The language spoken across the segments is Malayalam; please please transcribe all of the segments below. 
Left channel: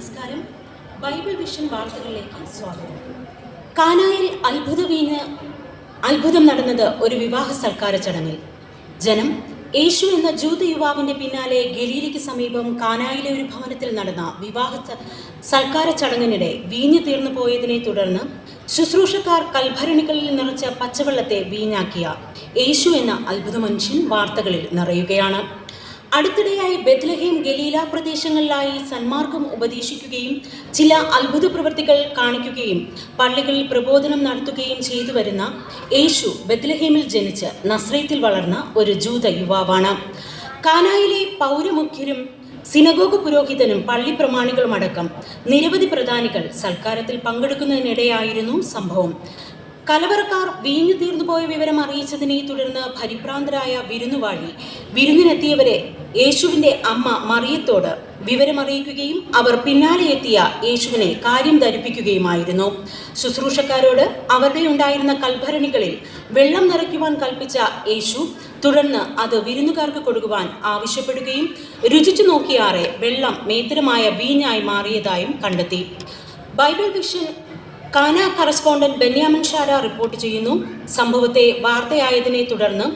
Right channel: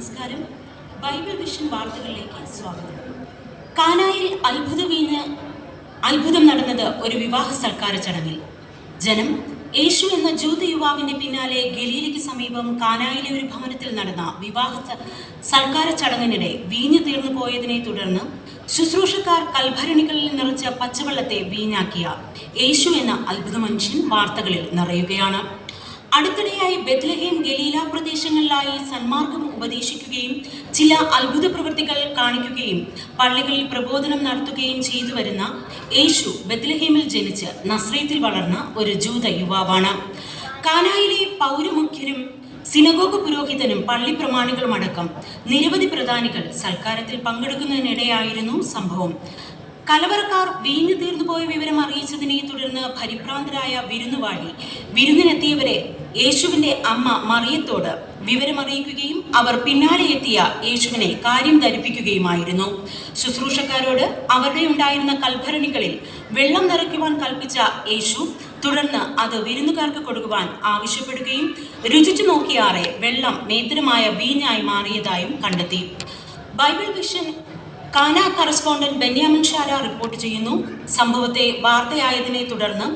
നമസ്കാരം. ബൈബിൾ വിഷൻ വാർത്തകളിലേക്ക് സ്വാഗതം. കാനായിൽ അത്ഭുതം നടന്നത് ഒരു വിവാഹ സൽക്കാര ചടങ്ങിൽ. ജനം യേശു എന്ന ജൂത യുവാവിന്റെ പിന്നാലെ ഗലീലയ്ക്ക് സമീപം കാനായിലെ ഒരു ഭവനത്തിൽ നടന്ന വിവാഹ സൽക്കാര ചടങ്ങിനിടെ വീഞ്ഞു തീർന്നു പോയതിനെ തുടർന്ന് ശുശ്രൂഷക്കാർ കൽഭരണികളിൽ നിറച്ച പച്ചവെള്ളത്തെ വീഞ്ഞാക്കിയ യേശു എന്ന അത്ഭുത മനുഷ്യൻ വാർത്തകളിൽ നിറയുകയാണ്. അടുത്തിടെയായി ബെത്ലഹേം ഗലീല പ്രദേശങ്ങളിലായി സന്മാർഗം ഉപദേശിക്കുകയും ചില അത്ഭുത പ്രവൃത്തികൾ കാണിക്കുകയും പള്ളികളിൽ പ്രബോധനം നടത്തുകയും ചെയ്തു വരുന്ന യേശു ബെത്ലഹേമിൽ ജനിച്ച് നസ്രയത്തിൽ വളർന്ന ഒരു ജൂത യുവാവാണ്. കാനായിലെ പൗരമുഖ്യരും സിനഗോഗ് പുരോഹിതനും പള്ളി പ്രമാണികളുമടക്കം നിരവധി പ്രധാനികൾ സൽക്കാരത്തിൽ പങ്കെടുക്കുന്നതിനിടെയായിരുന്നു സംഭവം. കലവറക്കാർ വീഞ്ഞു തീർന്നുപോയ വിവരം അറിയിച്ചതിനെ തുടർന്ന് പരിഭ്രാന്തരായ വിരുന്നുവാഴി വിരുന്നിനെത്തിയവരെ യേശുവിന്റെ അമ്മ മറിയത്തോട് വിവരമറിയിക്കുകയും അവർ പിന്നാലെ എത്തിയ യേശുവിനെ കാര്യം ധരിപ്പിക്കുകയുമായിരുന്നു. ശുശ്രൂഷക്കാരോട് അവരുടെ ഉണ്ടായിരുന്ന കൽഭരണികളിൽ വെള്ളം നിറയ്ക്കുവാൻ കൽപ്പിച്ച യേശു തുടർന്ന് അത് വിരുന്നുകാർക്ക് കൊടുക്കുവാൻ ആവശ്യപ്പെടുകയും രുചിച്ചു നോക്കിയാറെ വെള്ളം മേത്തരമായ വീഞ്ഞായി മാറിയതായും കണ്ടെത്തി. ബൈബിൾ വിഷൻ കാന കറസ്പോണ്ടന്റ് ബെന്യാമിൻ ഷാര റിപ്പോർട്ട് ചെയ്യുന്നു. സംഭവത്തെ വാർത്തയായതിനെ തുടർന്ന്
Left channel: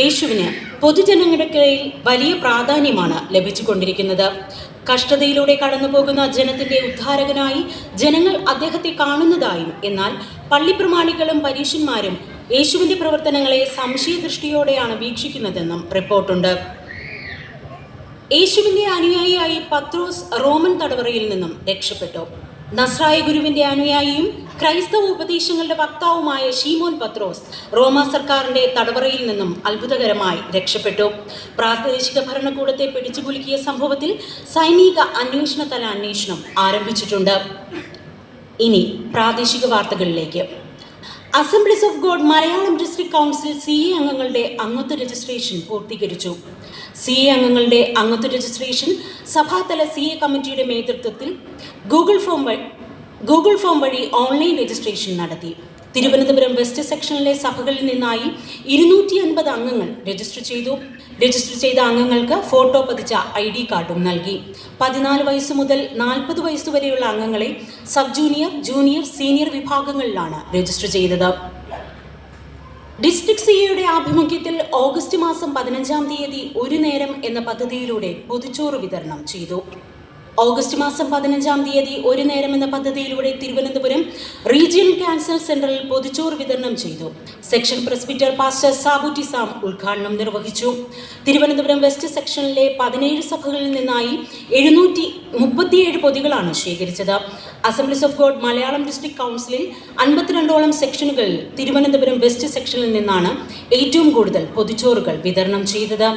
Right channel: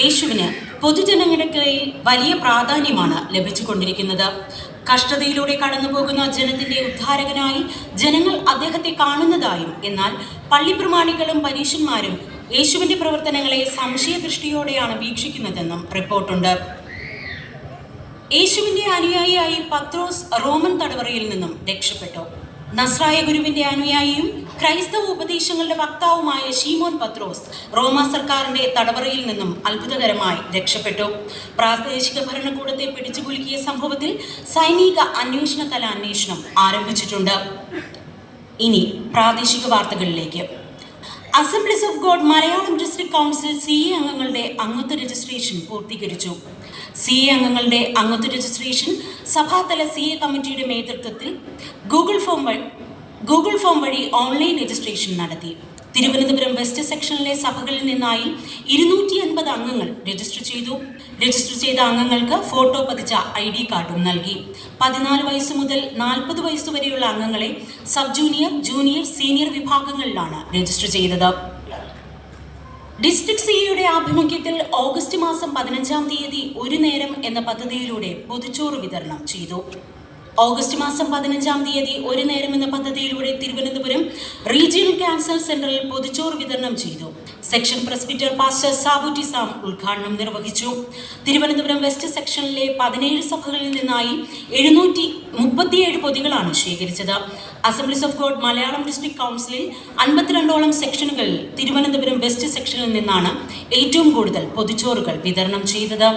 യേശുവിന് പൊതുജനങ്ങൾക്കിടയിൽ വലിയ പ്രാധാന്യമാണ് ലഭിച്ചുകൊണ്ടിരിക്കുന്നത്. കഷ്ടതയിലൂടെ കടന്നുപോകുന്ന ജനത്തിന്റെ ഉദ്ധാരകനായി ജനങ്ങൾ അദ്ദേഹത്തെ കാണുന്നതായും എന്നാൽ പള്ളിപ്രമാണികളും പരീശന്മാരും യേശുവിന്റെ പ്രവർത്തനങ്ങളെ സംശയദൃഷ്ടിയോടെയാണ് വീക്ഷിക്കുന്നതെന്നും റിപ്പോർട്ടുണ്ട്. യേശുവിന്റെ അനുയായിയായി പത്രോസ് റോമൻ തടവറയിൽ നിന്നും രക്ഷപ്പെട്ടു. നസ്രായ ഗുരുവിന്റെ അനുയായിയും ക്രൈസ്തവ ഉപദേശങ്ങളുടെ വക്താവുമായ ശീമോൻ പത്രോസ് റോമ സർക്കാരിന്റെ തടവറയിൽ നിന്നും അത്ഭുതകരമായി രക്ഷപ്പെട്ടു. പ്രാദേശിക ഭരണകൂടത്തെ പിടിച്ചുകുലുക്കിയ സംഭവത്തിൽ സൈനിക അന്വേഷണം ആരംഭിച്ചിട്ടുണ്ട്. ഇനി പ്രാദേശിക വാർത്തകളിലേക്ക്. Assemblies of God Malayalam district council CA അംഗങ്ങളുടെ അംഗത്വ രജിസ്ട്രേഷൻ പൂർത്തീകരിച്ചു. CA അംഗങ്ങളുടെ അംഗത്വ രജിസ്ട്രേഷൻ സഭാതല CA കമ്മിറ്റിയുടെ നേതൃത്വത്തിൽ ഗൂഗിൾ ഫോം വഴി ഓൺലൈൻ രജിസ്ട്രേഷൻ നടത്തി. തിരുവനന്തപുരം വെസ്റ്റ് സെക്ഷനിലെ സഭകളിൽ നിന്നായി 250 അംഗങ്ങൾ രജിസ്റ്റർ ചെയ്ത അംഗങ്ങൾക്ക് ഫോട്ടോ പതിച്ച ID കാർഡും നൽകി. 14 വയസ്സ് മുതൽ 40 വയസ്സ് വരെയുള്ള അംഗങ്ങളെ സബ് ജൂനിയർ, ജൂനിയർ, സീനിയർ വിഭാഗങ്ങളിലാണ് രജിസ്റ്റർ ചെയ്തത്. ഡിസ്ട്രിക്ട് CAയുടെ ആഭിമുഖ്യത്തിൽ ഓഗസ്റ്റ് മാസം 15-ാം തീയതി ഒരു നേരം എന്ന പദ്ധതിയിലൂടെ പൊതിച്ചോറ് വിതരണം ചെയ്തു. ഓഗസ്റ്റ് മാസം 15-ാം തീയതി ഒരു നേരം എന്ന പദ്ധതിയിലൂടെ തിരുവനന്തപുരം റീജിയണൽ ക്യാൻസർ സെന്ററിൽ പൊതിച്ചോറ് വിതരണം ചെയ്തു. Section presbyter pastor Sabu T Sam ഉദ്ഘാടനം നിർവഹിച്ചു. തിരുവനന്തപുരം വെസ്റ്റ് സെക്ഷനിലെ 17 സഭകളിൽ നിന്നായി 737 പൊതികളാണ് ശേഖരിച്ചത്. Assemblies of God Malayalam district കൗൺസിലിൽ 52ഓളം സെക്ഷനുകളിൽ തിരുവനന്തപുരം വെസ്റ്റ് സെക്ഷനിൽ നിന്നാണ് ഏറ്റവും കൂടുതൽ പൊതിച്ചോറുകൾ വിതരണം ചെയ്തത്.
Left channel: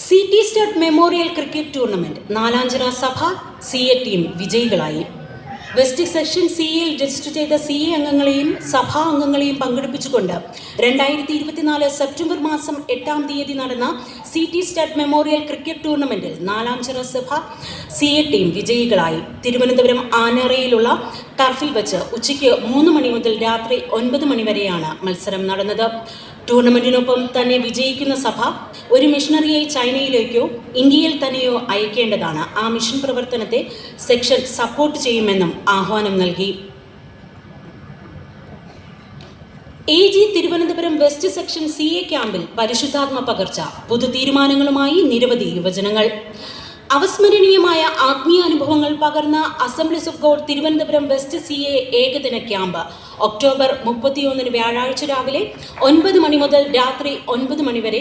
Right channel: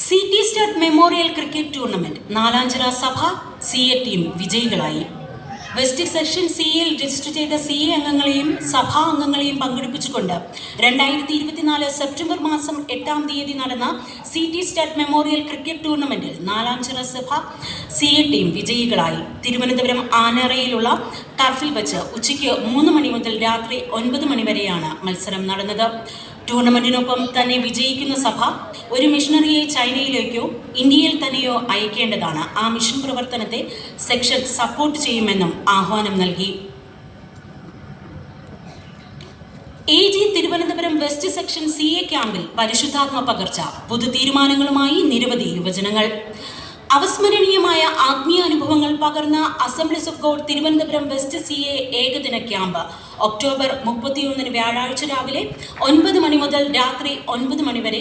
CT stud memorial cricket tournament Nalanchira സഭ CA ടീം വിജയികളായി. വെസ്റ്റ് സെക്ഷൻ CAയിൽ രജിസ്റ്റർ ചെയ്ത CA അംഗങ്ങളെയും സഭാ അംഗങ്ങളെയും പങ്കെടുപ്പിച്ചുകൊണ്ട് 2024 സെപ്റ്റംബർ മാസം 8-ാം തീയതി നടന്ന CT സ്റ്റഡ് മെമ്മോറിയൽ ക്രിക്കറ്റ് ടൂർണമെന്റിൽ നാലാഞ്ചിറ സഭ CA ടീം വിജയികളായി. തിരുവനന്തപുരം ആനറയിലുള്ള ടർഫിൽ വെച്ച് ഉച്ചയ്ക്ക് 3 മണി മുതൽ രാത്രി 9 മണി വരെയാണ് മത്സരം നടന്നത്. ടൂർണമെന്റിനൊപ്പം തന്നെ വിജയിക്കുന്ന സഭ ഒരു മിഷണറിയെ ചൈനയിലേക്കോ ഇന്ത്യയിൽ തന്നെയോ അയക്കേണ്ടതാണ്. ആ മിഷൻ പ്രവർത്തനത്തെ സെക്ഷൻ സപ്പോർട്ട് ചെയ്യുമെന്നും ആഹ്വാനം നൽകി. AG Thiruvananthapuram west section CA ക്യാമ്പിൽ പരിശുദ്ധാത്മ പകർച്ച, പുതു തീരുമാനങ്ങളുമായി നിരവധി യുവജനങ്ങൾ. അവസ്മരണീയമായ ആത്മീയാനുഭവങ്ങൾ പകർന്ന assemblies of God Thiruvananthapuram west CA ഏകദിന ക്യാമ്പ് ഒക്ടോബർ 31 വ്യാഴാഴ്ച രാവിലെ 9 മണി മുതൽ രാത്രി 9 മണി വരെ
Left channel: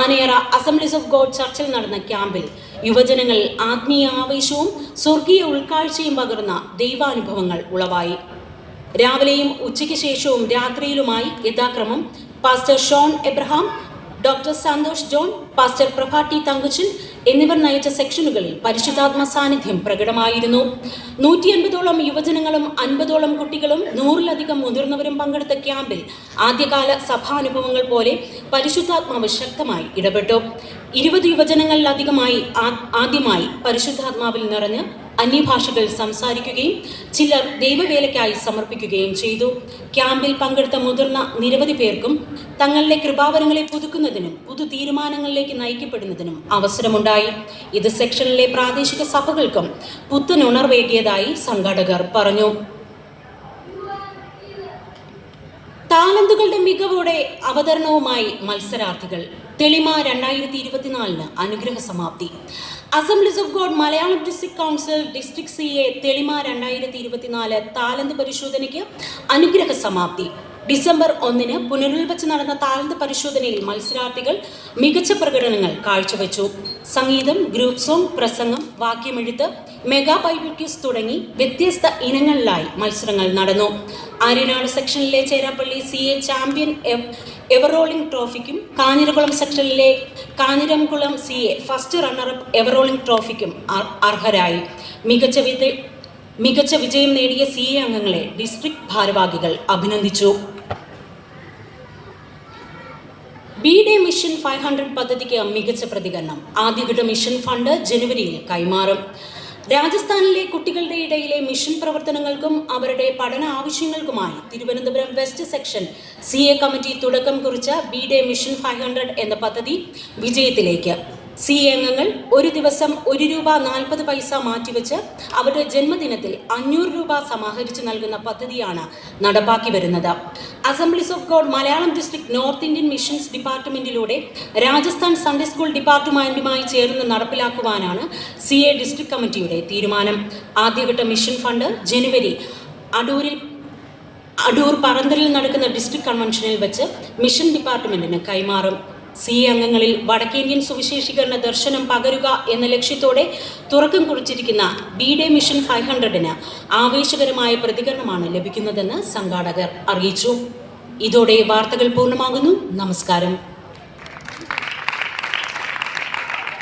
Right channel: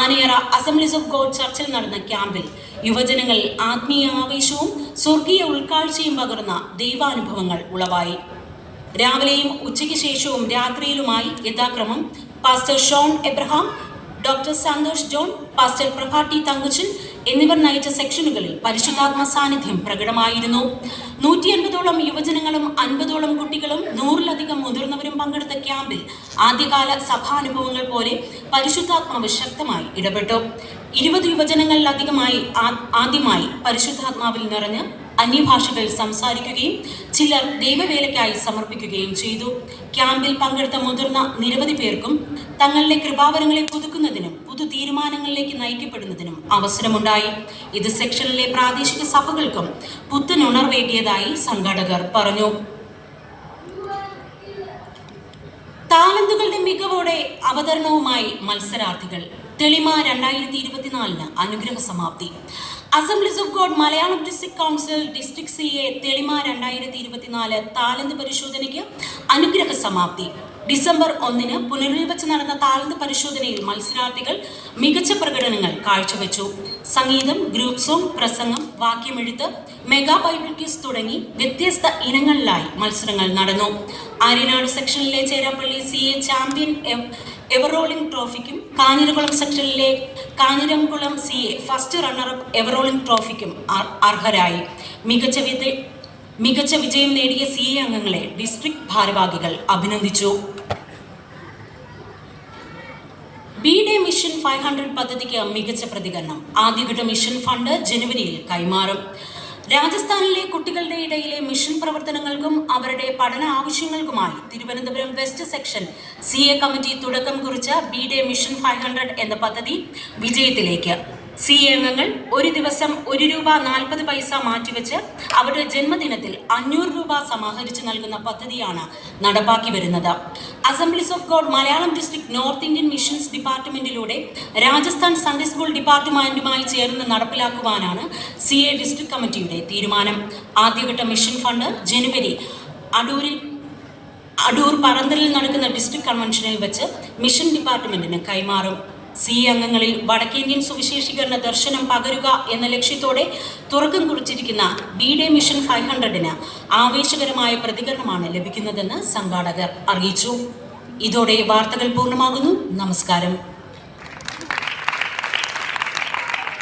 ആനയറ അസംബ്ലീസ് ഓഫ് ഗോഡ് ചർച്ചിൽ നടന്ന ക്യാമ്പിൽ യുവജനങ്ങൾ ആത്മീയ ആവേശവും സ്വർഗീയ ഉൾക്കാഴ്ചയും പകർന്ന ദൈവാനുഭവങ്ങൾ ഉളവായി. രാവിലെയും ഉച്ചയ്ക്ക് ശേഷവും രാത്രിയിലുമായി യഥാക്രമം pastor Shaun Abraham, doctor Santhosh John, pastor Prabhatti Thankachan എന്നിവർ നയിച്ച സെക്ഷനുകളിൽ പരിശുദ്ധാത്മ സാന്നിധ്യം പ്രകടമായിരുന്നു. 150ഓളം യുവജനങ്ങളും 50ഓളം കുട്ടികളും 100-ലധികം മുതിർന്നവരും പങ്കെടുത്ത ക്യാമ്പിൽ ആദ്യകാല സഭാനുഭവങ്ങൾ പോലെ പരിശുദ്ധാത്മാവ് ശക്തമായി ഇടപെട്ടു. 20 യുവജനങ്ങളിലധികമായി ആദ്യമായി പരിശുദ്ധാത്മാവിൽ നിറഞ്ഞ് അന്യഭാഷകൾ സംസാരിക്കുകയും ചിലർ ദൈവവേലയ്ക്കായി സമർപ്പിക്കുകയും ചെയ്തു. ക്യാമ്പിൽ പങ്കെടുത്ത മുതിർന്ന നിരവധി പേർക്കും തങ്ങളുടെ കൃപാവരങ്ങളെ പുതുക്കുന്നതിനും പുതു തീരുമാനങ്ങളിലേക്ക് നയിക്കപ്പെടുന്നതിനും അവസരമുണ്ടായി. ഇത് സെക്ഷനിലെ പ്രാദേശിക സഭകൾക്കും പുത്തൻ ഉണർവേകിയതായി സംഘാടകർ പറഞ്ഞു. താലന്തുകളുടെ മികവോടെ അവതരണവുമായി മത്സരാർത്ഥികൾ. തെളിമ 2024 അനുഗ്രഹ സമാപ്തി. Assemblies of God Malayalam district council district CA Thelima 2024 താലന്ത് പരിശോധനയ്ക്ക് അനുഗ്രഹ സമാപ്തി. ഡിസംബർ 1 പുനരുൽവച്ച് നടന്ന താലന്ത് പരിശോധനയിൽ മത്സരാർത്ഥികൾ മികച്ച പ്രകടനങ്ങൾ കാഴ്ചവെച്ചു. സംഗീതം, ഗ്രൂപ്പ് സോങ്, പ്രസംഗം, വാക്യമെഴുത്ത്, മെഗാ ബൈബിൾ ക്വിസ് തുടങ്ങി വ്യത്യസ്ത ഇനങ്ങളിലായി മത്സരങ്ങൾ നടന്നു. ആര്യനാട് സെക്ഷനിലെ ചേരാപ്പള്ളി CA ചാമ്പ്യൻ എവറോളിംഗ് ട്രോഫിക്കും കാഞ്ഞിരകുളം സെക്ഷനിലെ Kanjiramkulam CA first runner up ever rolling ട്രോഫിക്കും അർഹരായി. മികച്ച വിജയം നേടിയ CA അംഗങ്ങളെ ഡിസ്ട്രിക്ട് ഭാരവാഹികൾ അഭിനന്ദിച്ചു. ബി-ഡേ മിഷൻ 500 പദ്ധതിക്ക് മികച്ച പ്രതികരണം. ആദ്യഘട്ട മിഷൻ ഫണ്ട് ജനുവരിയിൽ കൈമാറും. രാജസ്ഥാനിലെ കുട്ടികളുടെ ഇടയിലെ മിഷൻ പ്രവർത്തനങ്ങൾക്കും അവരുടെ പഠന ആവശ്യങ്ങൾക്കുമായി Thiruvananthapuram west section CA committee തുടക്കം കുറിച്ച ബി-ഡേ മിഷൻ 500 എന്ന പദ്ധതി വിജയത്തിലേക്ക്. CA അംഗങ്ങൾ ഒരു ദിവസം ₹1.40 മാറ്റിവെച്ച് അവരുടെ ജന്മദിനത്തിൽ ₹500 സമാഹരിച്ച് നൽകുന്ന പദ്ധതിയാണ് നടപ്പാക്കി വരുന്നത്. Assemblies of God Malayalam district north Indian missions ഡിപ്പാർട്ട്മെന്റിലൂടെ രാജസ്ഥാൻ സൺഡേ സ്കൂൾ ഡിപ്പാർട്ട്മെന്റുമായി ചേർന്ന് നടപ്പിലാക്കുവാനാണ് CA ഡിസ്ട്രിക്ട് കമ്മിറ്റിയുടെ തീരുമാനം. ആദ്യഘട്ട മിഷൻ ഫണ്ട് ജനുവരി അടൂർ പറന്തലിൽ നടക്കുന്ന ഡിസ്ട്രിക്ട് കൺവെൻഷനിൽ വെച്ച് മിഷൻ ഡിപ്പാർട്ട്മെന്റിന് കൈമാറും. CA അംഗങ്ങളിൽ വടക്കേന്ത്യൻ സുവിശേഷീകരണ ദർശനം പകരുക എന്ന ലക്ഷ്യത്തോടെ തുറക്കം കുറിച്ചിരിക്കുന്ന ബി-ഡേ മിഷൻ 500-ന് ആവേശകരമായ പ്രതികരണമാണ് ലഭിക്കുന്നതെന്ന് സംഘാടകർ അറിയിച്ചു. ഇതോടെ വാർത്തകൾ പൂർണ്ണമാകുന്നു. നമസ്കാരം.